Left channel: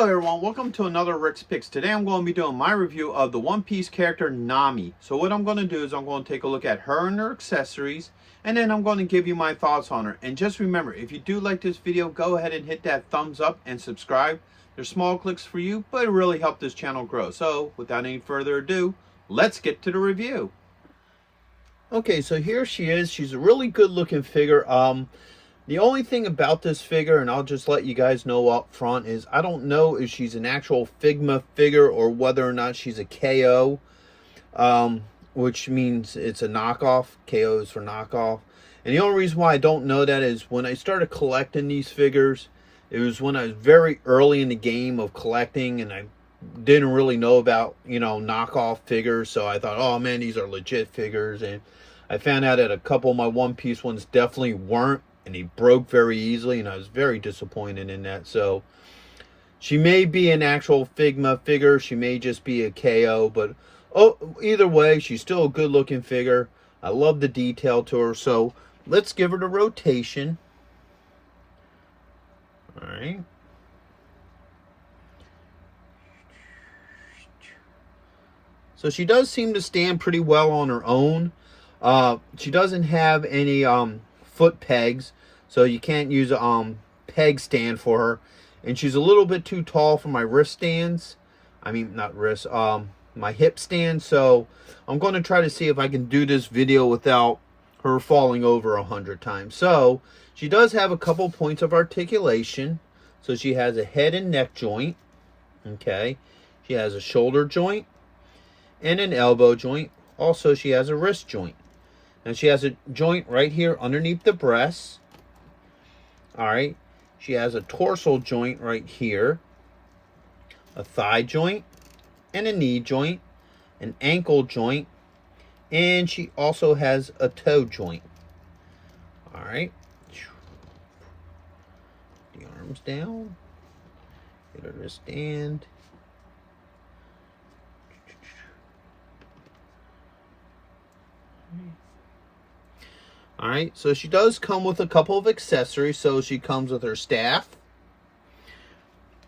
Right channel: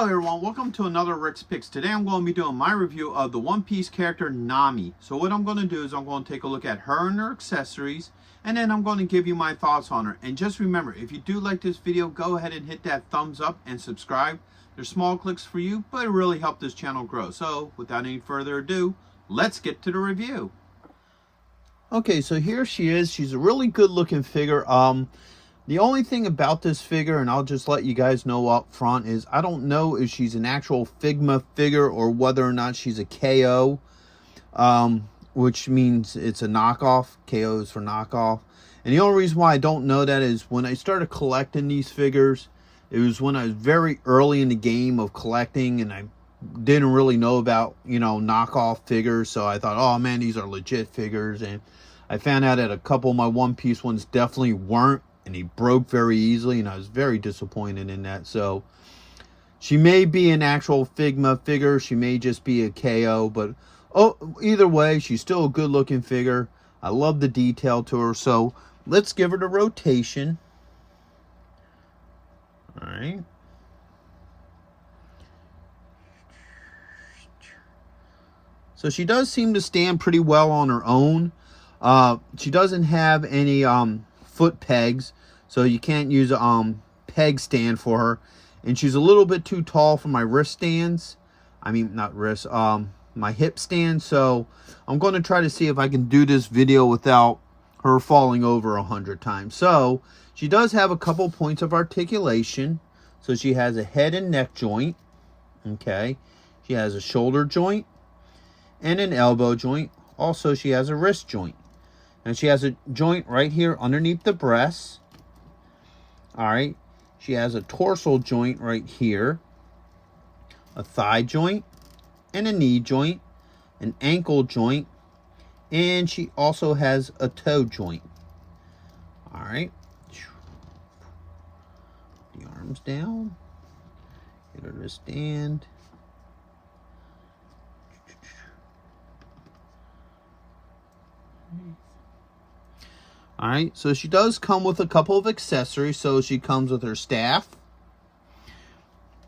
Hello everyone, welcome to another Rick's Picks. Today I'm going to be doing my review of the One Piece character Nami. So what I'm going to do is I'm going to take a look at her and her accessories, and then I'm going to give you my thoughts on her. And just remember, if you do like this video, go ahead and hit that thumbs up and subscribe. They're small clicks for you, but it really helps this channel grow. So without any further ado, let's get to the review. Okay, so here she is. She's a really good looking figure. The only thing about this figure, and I'll just let you guys know up front, is I don't know if she's an actual Figma figure or whether or not she's a KO, which means it's a knockoff. KO is for knockoff. And the only reason why I don't know that is when I started collecting these figures, it was when I was very early in the game of collecting, and I didn't really know about, knockoff figures. So I thought, oh man, these are legit figures. And I found out that a couple of my One Piece ones definitely weren't. And he broke very easily, and I was very disappointed in that. So she may be an actual Figma figure. She may just be a KO. But either way, she's still a good looking figure. I love the detail to her. So let's give her the rotation. All right. So she does seem to stand pretty well on her own. She doesn't have any foot pegs, so you can't use a peg stand for her, and she's a little bit too tall for my wrist stands. I mean, not wrist, my hip stand. So I'm going to try to see if I can do this video without her falling over 100 times. So she does have a couple points of articulation. So she has a head and neck joint. Okay, she has a shoulder joint and an elbow joint. Also, she has a wrist joint. Now she has a joint right here underneath the breast. All right. She has a torso joint right here, a thigh joint, and a knee joint, an ankle joint, and she also has a toe joint. All right. The arms down. Get her to stand. All right, so she does come with a couple of accessories. So she comes with her staff.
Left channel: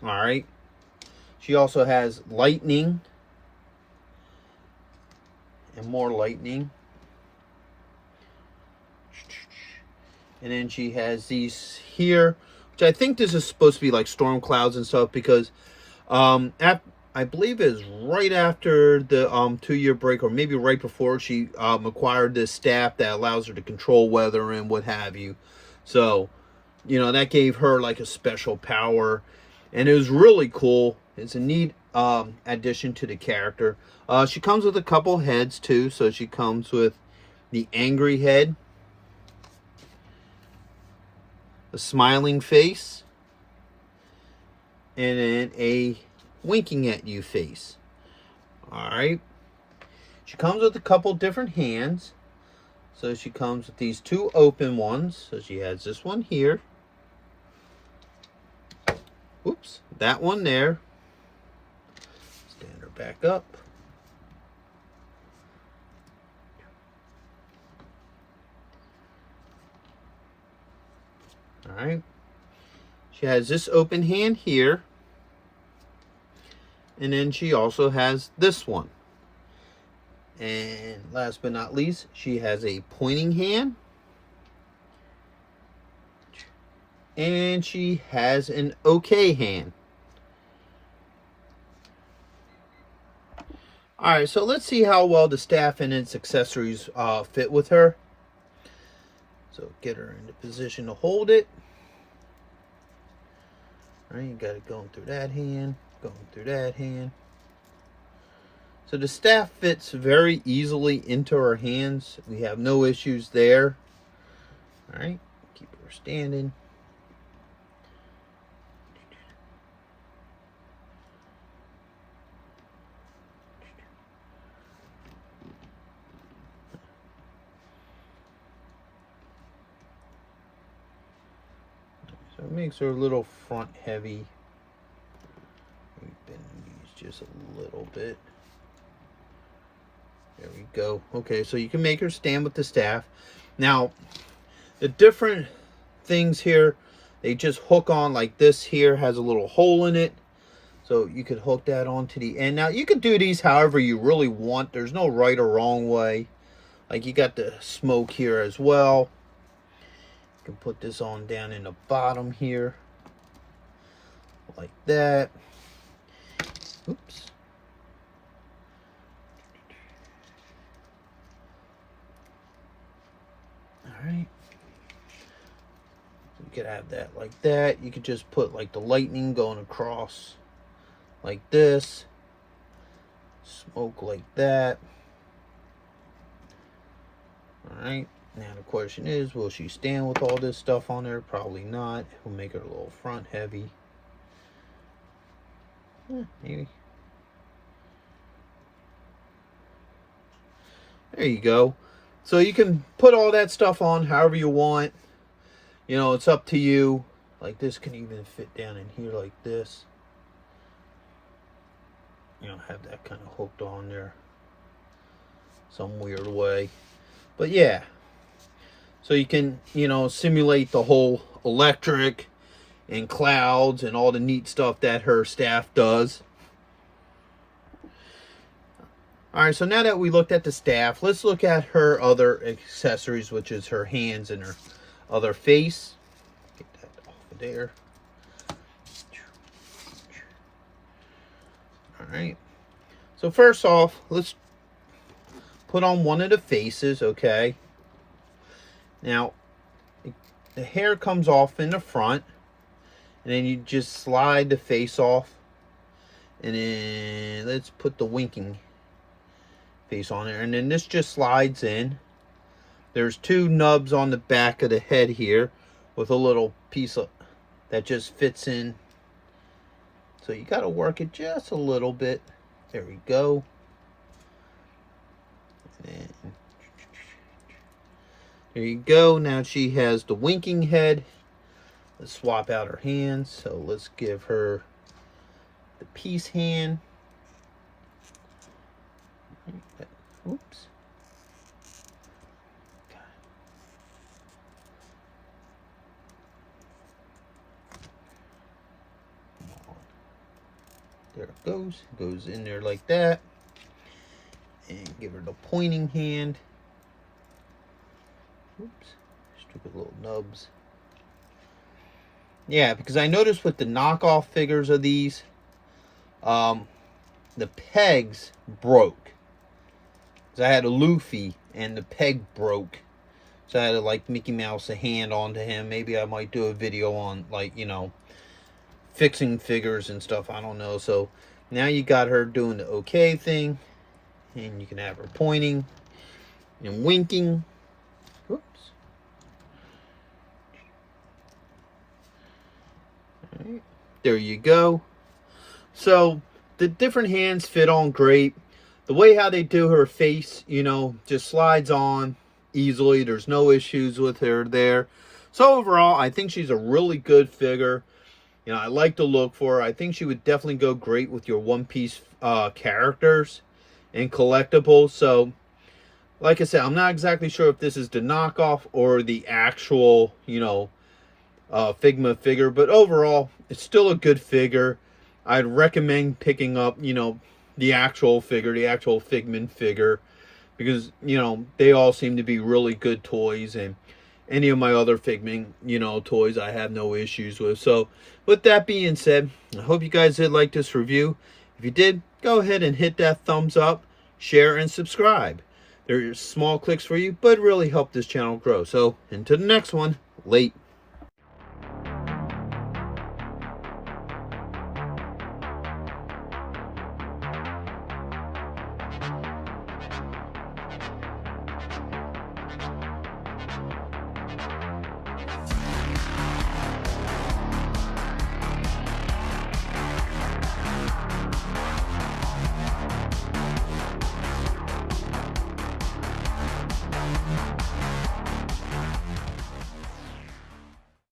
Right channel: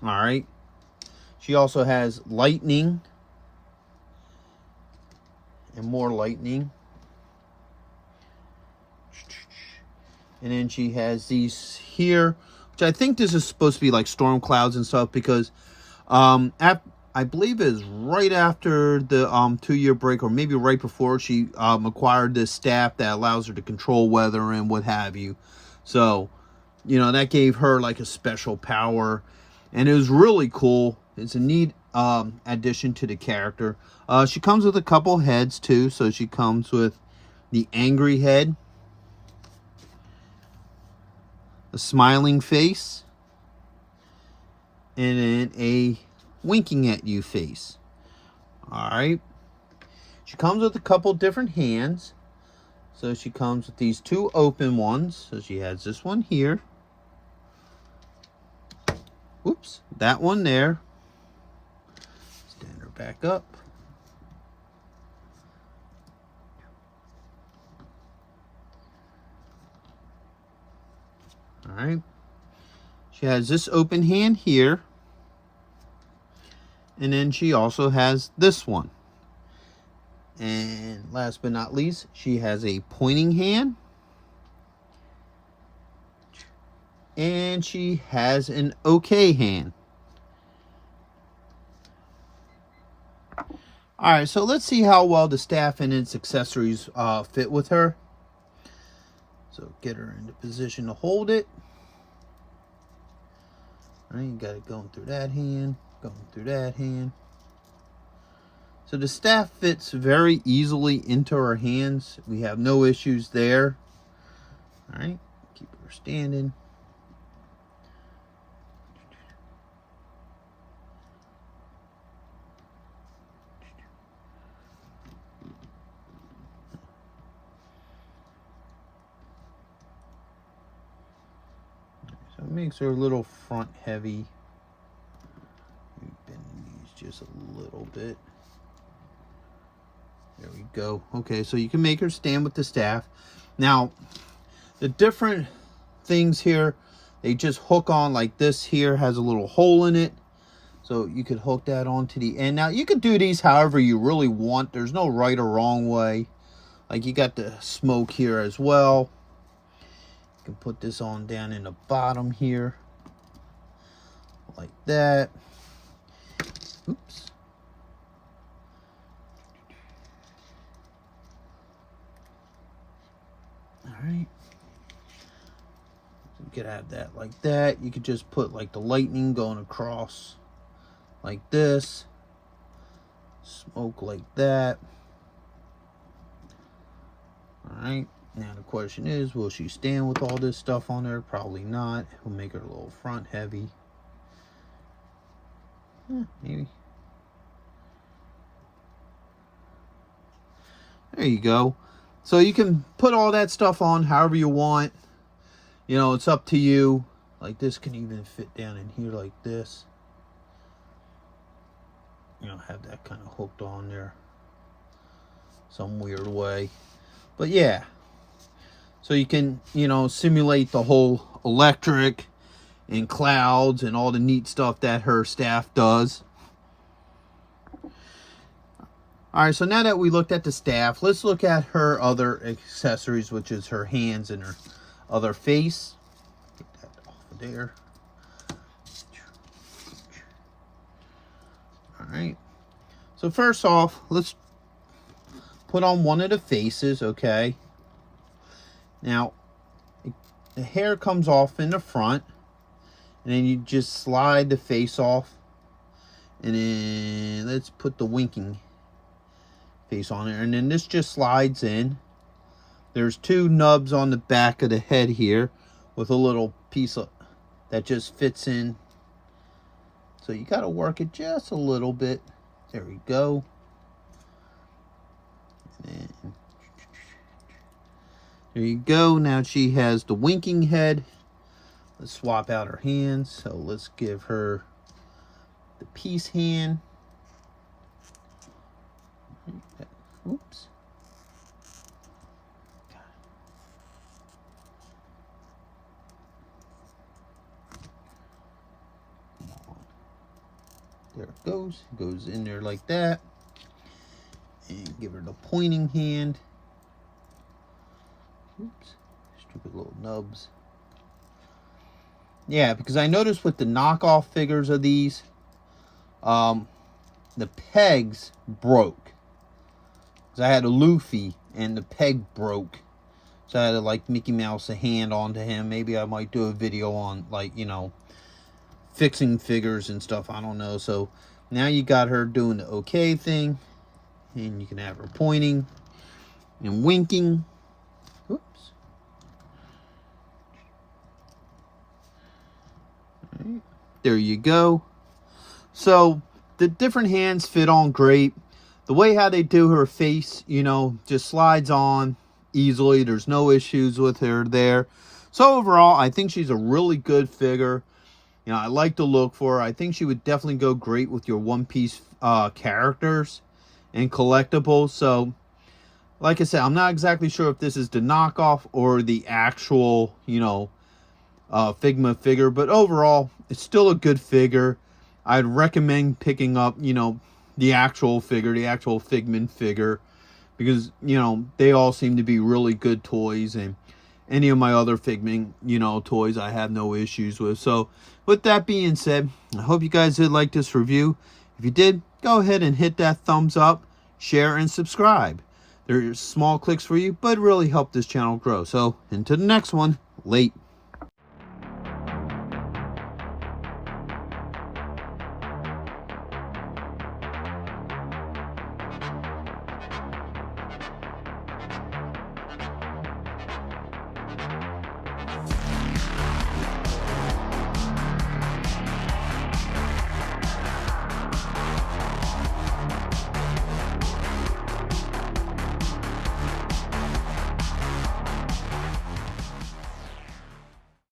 All right. She also has lightning and more lightning. And then she has these here, which I think this is supposed to be like storm clouds and stuff, because I believe it is right after the 2-year break, or maybe right before, she acquired this staff that allows her to control weather and what have you. So, that gave her like a special power, and it was really cool. It's a neat addition to the character. She comes with a couple heads too. So she comes with the angry head, a smiling face, and then a winking at you face. All right. She comes with a couple different hands. So she comes with these two open ones. So she has this one here. Whoops. That one there. Stand her back up. All right. She has this open hand here. And then she also has this one. And last but not least, she has a pointing hand. And she has an okay hand. Alright, so let's see how well the staff and its accessories fit with her. So get her into position to hold it. Alright, you got it going through that hand. Going through that hand. So the staff fits very easily into her hands. We have no issues there. All right, keep her standing. So it makes her a little front heavy. Bend these just a little bit. There we go. Okay, so you can make her stand with the staff. Now, the different things here, they just hook on like this here has a little hole in it. So you could hook that onto the end. Now, you could do these however you really want. There's no right or wrong way. Like, you got the smoke here as well. You can put this on down in the bottom here. Like that. Oops. Alright. You could have that like that. You could just put like the lightning going across like this. Smoke like that. Alright. Now the question is, will she stand with all this stuff on there? Probably not. It'll make her a little front heavy. Maybe. There you go. So you can put all that stuff on however you want. You know, it's up to you. Like this can even fit down in here like this. You know, have that kind of hooked on there some weird way. But yeah. So you can, you know, simulate the whole electric and clouds and all the neat stuff that her staff does. Alright, so now that we looked at the staff, let's look at her other accessories, which is her hands and her other face. Get that off of there. Alright. So first off, let's put on one of the faces, okay? Now, the hair comes off in the front. And then you just slide the face off. And then let's put the winking face on there. And then this just slides in. There's two nubs on the back of the head here with a little piece of that just fits in. So you got to work it just a little bit. There we go. And there you go. Now she has the winking head. Let's swap out her hands. So let's give her the peace hand. Oops. There it goes. Goes in there like that. And give her the pointing hand. Oops. Stupid little nubs. Yeah, because I noticed with the knockoff figures of these, the pegs broke. Because I had a Luffy and the peg broke. So I had to like Mickey Mouse a hand onto him. Maybe I might do a video on like, you know, fixing figures and stuff. I don't know. So now you got her doing the okay thing. And you can have her pointing and winking. Whoops. Alright. There you go. So the different hands fit on great. The way how they do her face, you know, just slides on easily. There's no issues with her there. So overall, I think she's a really good figure. You know, I like the look for her. I think she would definitely go great with your One Piece characters and collectibles. So, like I said, I'm not exactly sure if this is the knockoff or the actual, you know, Figma figure. But overall, it's still a good figure. I'd recommend picking up, you know, the actual figure, the actual Figment figure. Because, you know, they all seem to be really good toys. And any of my other Figment, you know, toys I have no issues with. So, with that being said, I hope you guys did like this review. If you did, go ahead and hit that thumbs up, share, and subscribe. They're small clicks for you, but really help this channel grow. So, until the next one, late.